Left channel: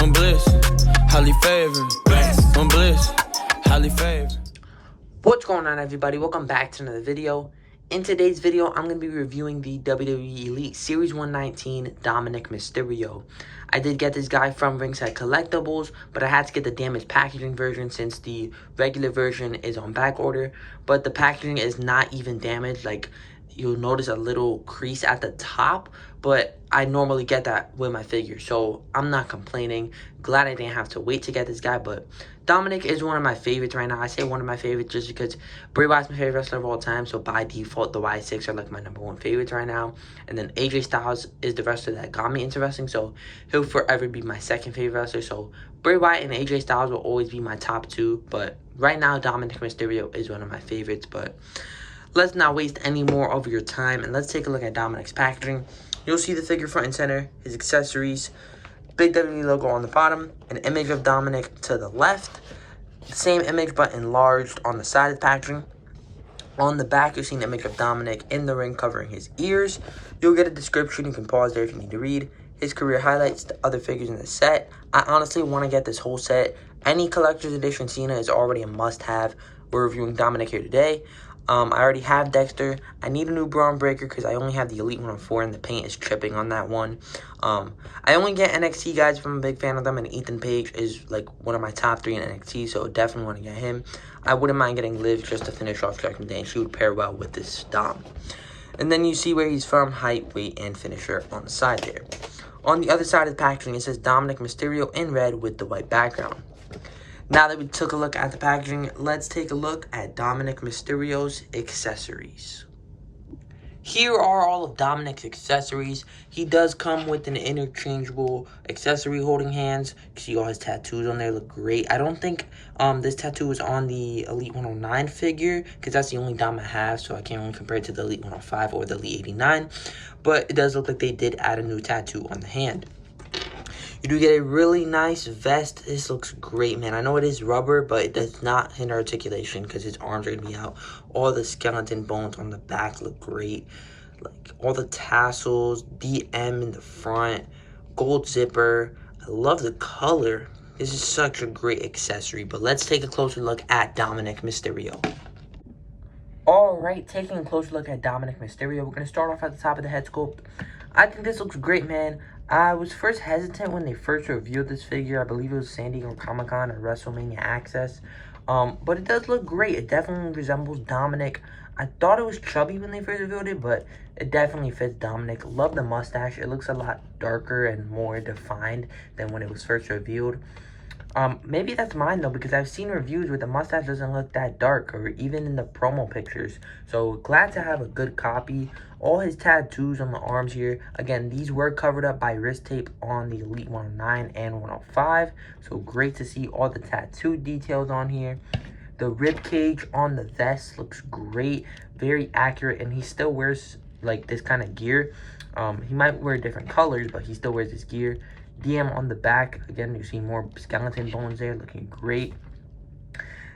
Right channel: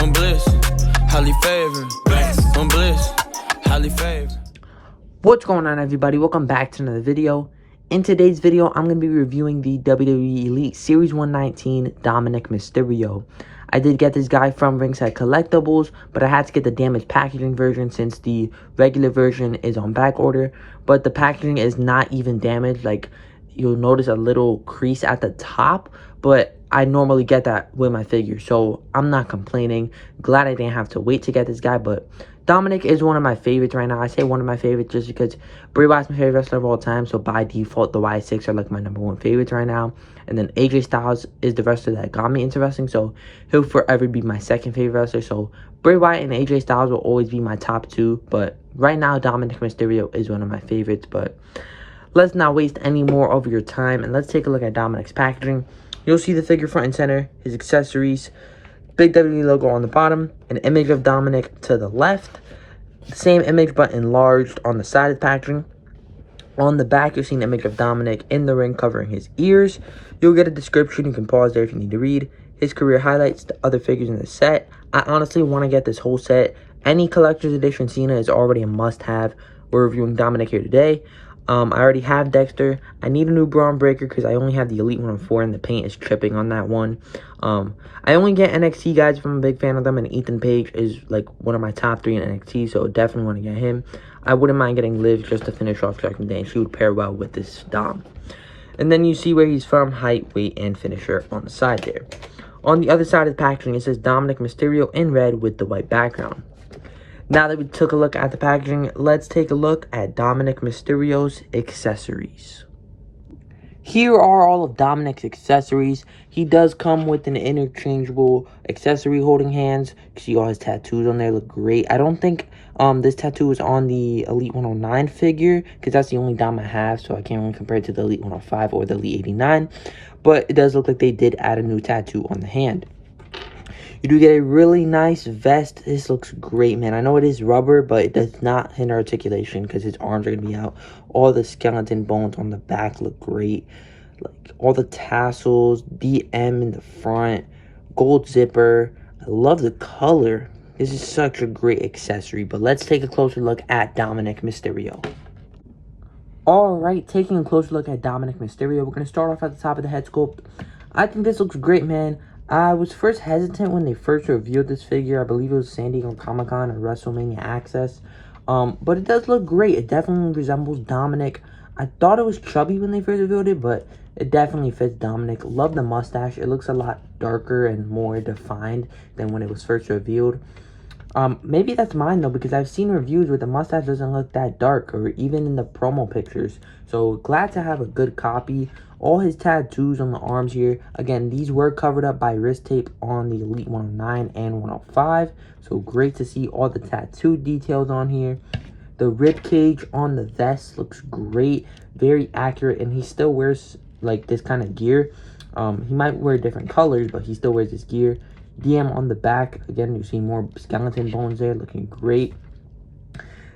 I'm bliss, highly favored. I'm bliss, highly favored. What's going on, everybody? Welcome back to another video. In today's video, I'm going to be reviewing the WWE Elite Series 119 Dominik Mysterio. I did get this guy from Ringside Collectibles, but I had to get the damaged packaging version since the regular version is on back order. But the packaging is not even damaged. Like, you'll notice a little crease at the top, but I normally get that with my figure, so I'm not complaining. Glad I didn't have to wait to get this guy, but Dominik is one of my favorites right now. I say one of my favorites just because Bray Wyatt's my favorite wrestler of all time, so by default, the Y6 are like my #1 favorites right now. And then AJ Styles is the wrestler that got me into wrestling, so he'll forever be my second favorite wrestler. So Bray Wyatt and AJ Styles will always be my top two, but right now, Dominik Mysterio is one of my favorites. But let's not waste any more of your time, and let's take a look at Dominik's packaging. You'll see the figure front and center, his accessories, big WWE logo on the bottom, an image of Dominik to the left, the same image but enlarged on the side of the packaging. On the back, you'll see an image of Dominik in the ring covering his ears. You'll get a description. You can pause there if you need to read. His career highlights, the other figures in the set. I honestly want to get this whole set. Any collector's edition Cena is already a must-have. We're reviewing Dominik here today. I already have Dexter. I need a new Braun Breaker because I only have the Elite 104 and the paint is tripping on that one. I only get NXT guys if I'm a big fan of them, and Ethan Page is like one of my top 3 in NXT, so definitely want to get him. I wouldn't mind getting Liv just to finish off Judgment Day, and she would pair well with this Dom. And then you see where he's from, height, weight, and finisher on the side there. On the other side of the packaging, it says Dominik Mysterio in red with the white background. Now that we took a look at the packaging, let's take a look at Dominik Mysterio's accessories. Here are all of Dominik's accessories. He does come with an interchangeable accessory holding hands. You see all his tattoos on there look great. I don't think this tattoo is on the Elite 109 figure because that's the only Dom I have, so I can't really compare it to the Elite 105 or the Elite 89. But it does look like they did add a new tattoo on the hand. You do get a really nice vest. This looks great, man. I know it is rubber, but it does not hinder articulation because his arms are going to be out. All the skeleton bones on the back look great. Like all the tassels, DM in the front, gold zipper. I love the color. This is such a great accessory. But let's take a closer look at Dominik Mysterio. Alright, taking a closer look at Dominik Mysterio. We're going to start off at the top of the head sculpt. I think this looks great, man. I was first hesitant when they first revealed this figure. I believe it was San Diego Comic-Con or WrestleMania Access. But it does look great. It definitely resembles Dominik. I thought it was chubby when they first revealed it, but it definitely fits Dominik. Love the mustache. It looks a lot darker and more defined than when it was first revealed. Maybe that's mine though, because I've seen reviews where the mustache doesn't look that dark, or even in the promo pictures. So glad to have a good copy. All his tattoos on the arms here. Again, these were covered up by wrist tape on the Elite 109 and 105. So great to see all the tattoo details on here. The rib cage on the vest looks great, very accurate, and he still wears like this kind of gear. He might wear different colors, but he still wears this gear. DM on the back, again, you see more skeleton bones there, looking great.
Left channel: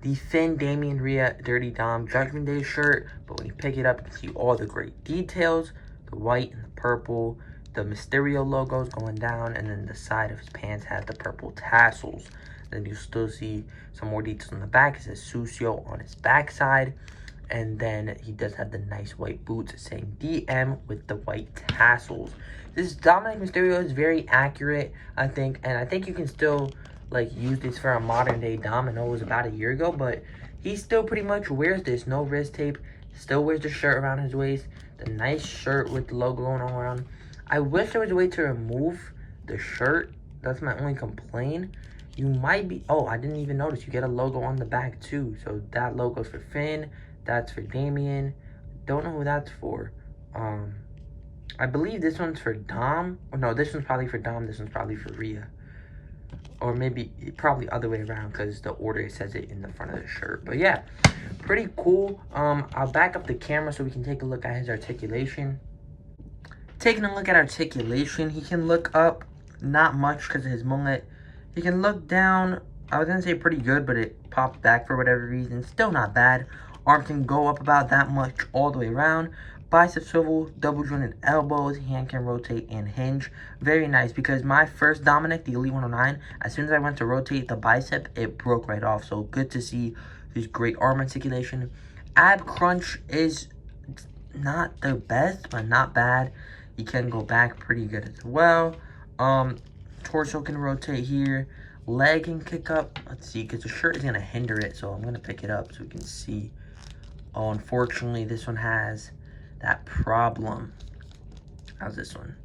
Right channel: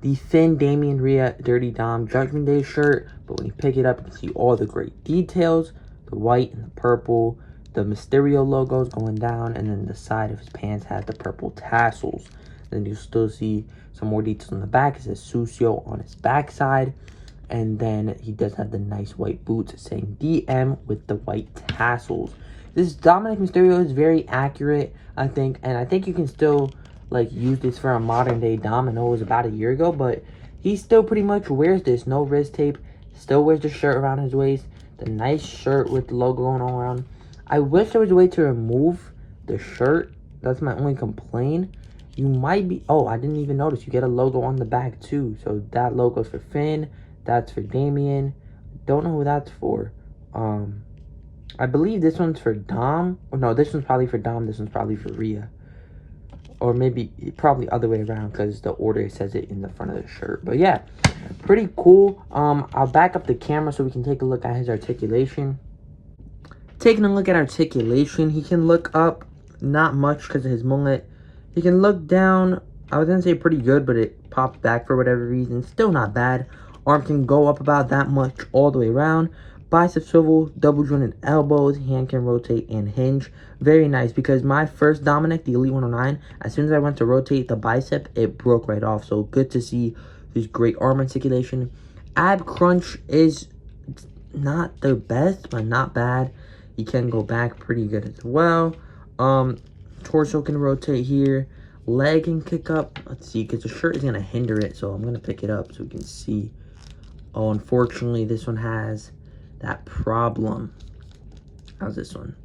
The thin Damian Rhea Dirty Dom Judgment Day shirt, but when you pick it up, you can see all the great details. The white and the purple, the Mysterio logos going down, and then the side of his pants has the purple tassels. Then you still see some more details on the back. It says Sucio on his backside. And then he does have the nice white boots saying DM with the white tassels. This Dominik Mysterio is very accurate, I think. And I think you can still like use this for a modern day Dom. I know it was about a year ago, but he still pretty much wears this. No wrist tape. Still wears the shirt around his waist. The nice shirt with the logo going all around. I wish there was a way to remove the shirt. That's my only complaint. You might be... Oh, I didn't even notice. You get a logo on the back too. So that logo's for Finn. That's for Damien. Don't know who that's for. I believe this one's for Dom. Or no, this one's probably for Dom. This one's probably for Rhea. Or maybe, probably other way around because the order says it in the front of the shirt. But yeah, pretty cool. I'll back up the camera so we can take a look at his articulation. Taking a look at articulation, he can look up, not much because of his mullet. He can look down, I was going to say pretty good, but it popped back for whatever reason. Still not bad. Arm can go up about that much all the way around. Bicep swivel, double jointed elbows, hand can rotate and hinge. Very nice, because my first Dominik, the Elite 109, as soon as I went to rotate the bicep, it broke right off. So good to see this great arm articulation. Ab crunch is not the best, but not bad. You can go back pretty good as well. Torso can rotate here. Leg can kick up. Let's see, because the shirt is going to hinder it, so I'm going to pick it up so we can see. Oh, unfortunately, this one has that problem. How's this one?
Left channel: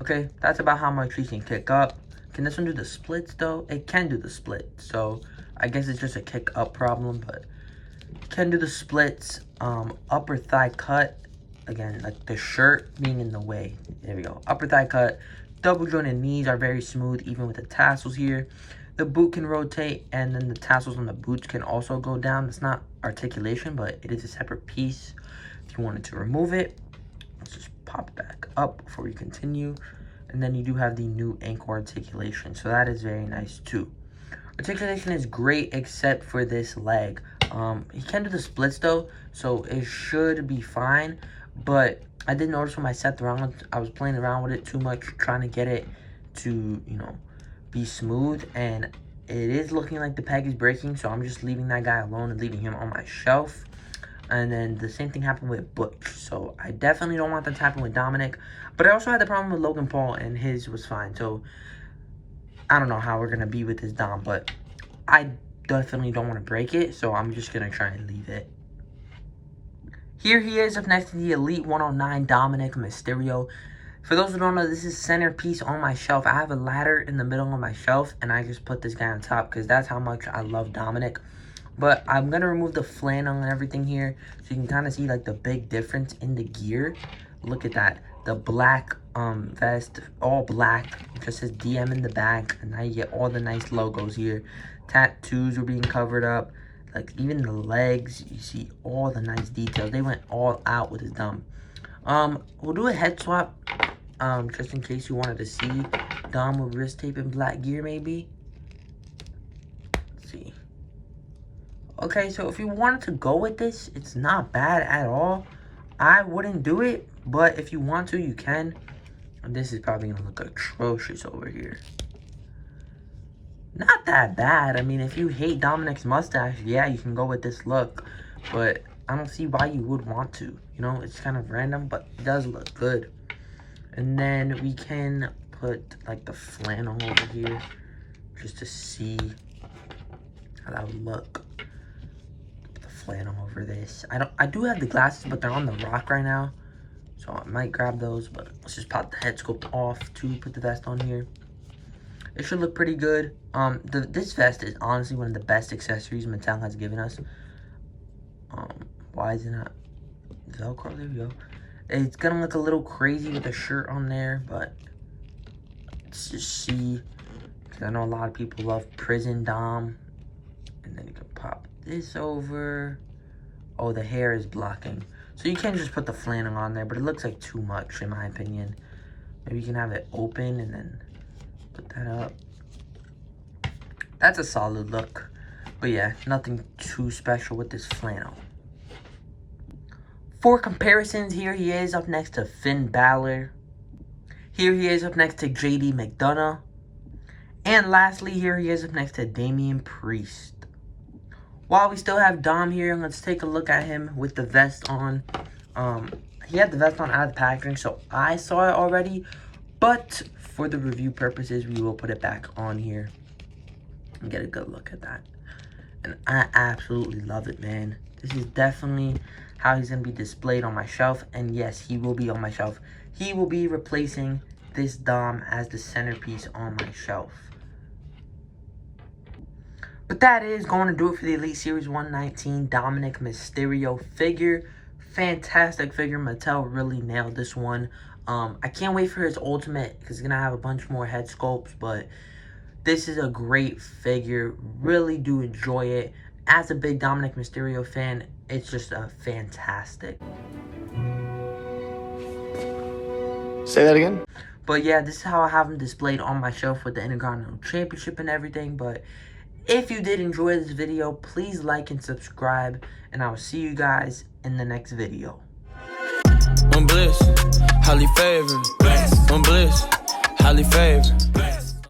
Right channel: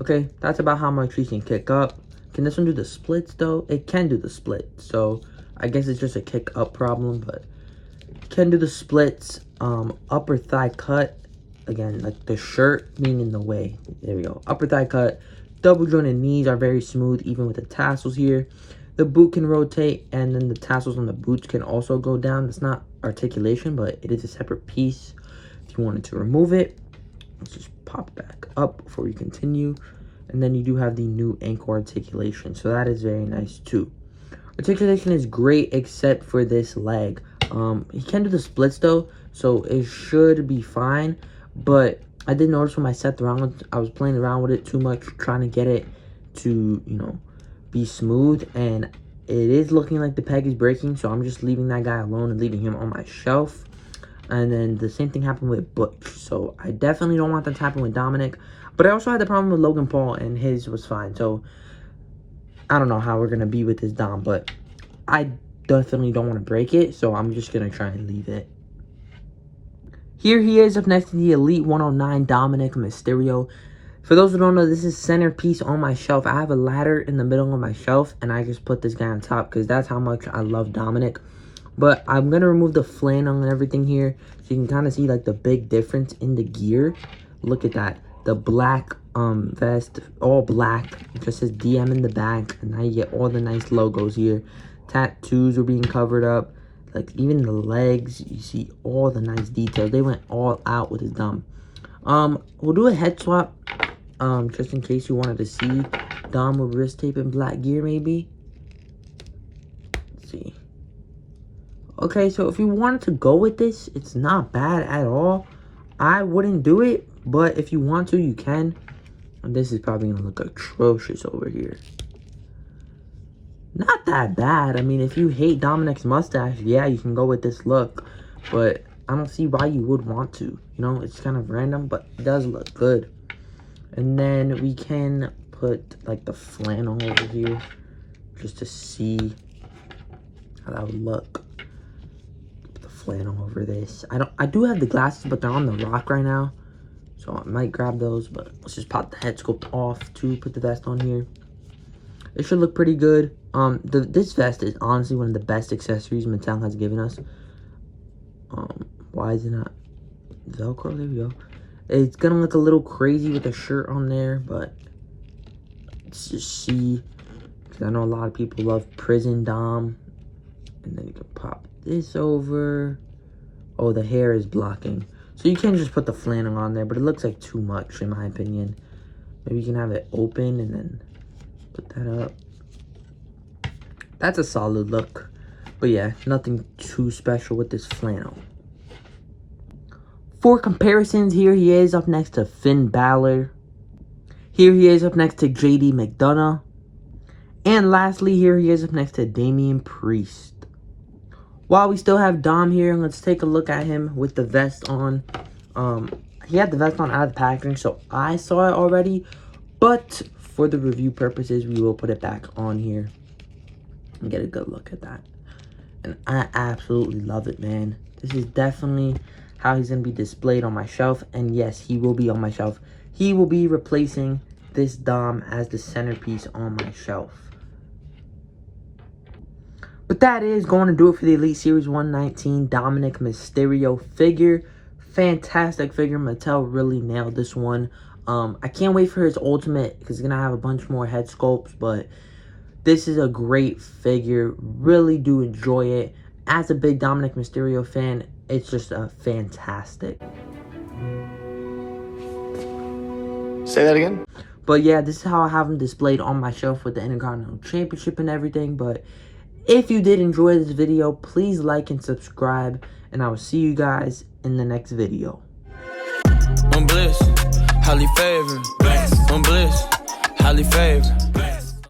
Okay, that's about how much we can kick up. Can this one do the splits, though? It can do the splits, so I guess it's just a kick up problem, but it can do the splits. Upper thigh cut. Again, like the shirt being in the way. There we go. Upper thigh cut. Double jointed knees are very smooth, even with the tassels here. The boot can rotate, and then the tassels on the boots can also go down. It's not articulation, but it is a separate piece. If you wanted to remove it, let's just pop it back up before we continue. And then you do have the new ankle articulation, so that is very nice too. Articulation is great except for this leg. He can do the splits though, so it should be fine. But I did notice when I set the round, I was playing around with it too much, trying to get it to, you know, be smooth, and it is looking like the peg is breaking, so I'm just leaving that guy alone and leaving him on my shelf. And then the same thing happened with Butch, so I definitely don't want that to happen with Dominik. But I also had the problem with Logan Paul, and his was fine, so I don't know how we're gonna be with this Dom, but I definitely don't want to break it, so I'm just gonna try and leave it. Here he is up next to the Elite 109 Dominik Mysterio. For those who don't know, this is centerpiece on my shelf. I have a ladder in the middle of my shelf, and I just put this guy on top because that's how much I love Dominik. But I'm going to remove the flannel and everything here, so you can kind of see like the big difference in the gear. Look at that. The black vest, all black. It just says DM in the back, and now you get all the nice logos here. Tattoos are being covered up. Like even the legs, you see all the nice details. They went all out with his Dom. We'll do a head swap, just in case you wanted to see Dom with wrist tape and black gear, maybe. Let's see. Okay, so if you wanted to go with this, it's not bad at all. I wouldn't do it, but if you want to, you can. And this is probably gonna look atrocious over here. Not that bad. I mean, if you hate Dominik's mustache, yeah, you can go with this look. But I don't see why you would want to. You know, it's kind of random, but it does look good. And then we can put, like, the flannel over here just to see how that would look. Put the flannel over this. I do have the glasses, but they're on the rock right now. So I might grab those, but let's just pop the head sculpt off to put the vest on here. It should look pretty good. This vest is honestly one of the best accessories Mattel has given us. Why is it not Velcro? There we go. It's gonna look a little crazy with the shirt on there, but let's just see. Because I know a lot of people love Prison Dom. And then you can pop this over. Oh, the hair is blocking. So you can just put the flannel on there, but it looks like too much in my opinion. Maybe you can have it open and then put that up. That's a solid look. But yeah, nothing too special with this flannel. For comparisons, here he is up next to Finn Balor. Here he is up next to JD McDonough. And lastly, here he is up next to Damian Priest. While we still have Dom here, let's take a look at him with the vest on. He had the vest on out of the packaging, so I saw it already. But for the review purposes, we will put it back on here and get a good look at that. And I absolutely love it, man. This is definitely how he's going to be displayed on my shelf. And yes, he will be on my shelf. He will be replacing this Dom as the centerpiece on my shelf. But that is going to do it for the Elite Series 119 Dominik Mysterio figure. Fantastic figure. Mattel really nailed this one. I can't wait for his ultimate because he's going to have a bunch more head sculpts. But this is a great figure. Really do enjoy it. As a big Dominik Mysterio fan, it's just a fantastic. Say that again? But yeah, this is how I have him displayed on my shelf with the Intercontinental Championship and everything. But if you did enjoy this video, please like and subscribe. And I will see you guys in the next video. I'm bliss, highly favored. I'm bliss, highly favored.